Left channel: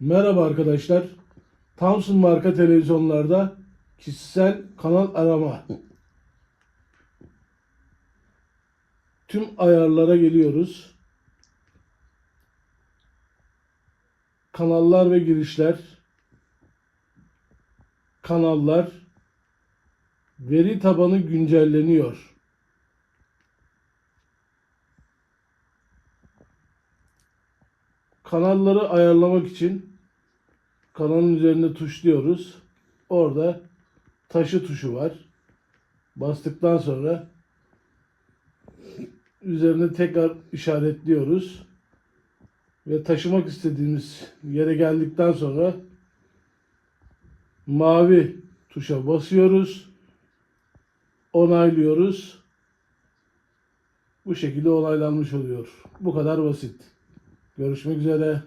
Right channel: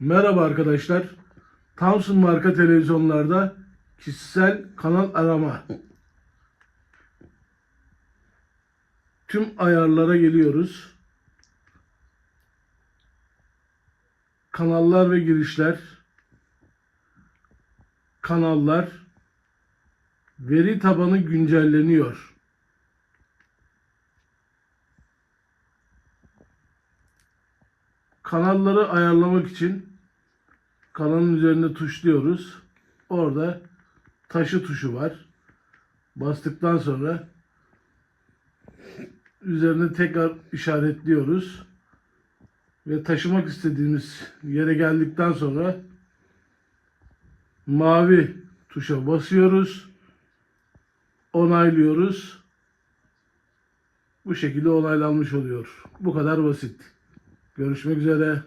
Merhaba arkadaşlar. Thomson marka televizyonlarda kişisel kanal arama. Tüm ayarlara geliyoruz. Kanallar ve girişler. Kanallar. Veri tabanı güncelleniyor. Kanalları ayarlamak için kanalın üzerinde tuşluyoruz. Orada taşı tuşu var. Bastıktan sonra üzerine tekrar işaretliyoruz. Ve taşımak istediğimiz yere geldikten sonra mavi tuşa basıyoruz. Onaylıyoruz. Bu şekilde onaylanmış oluyor. Bu kadar basit. Görüşmek üzere.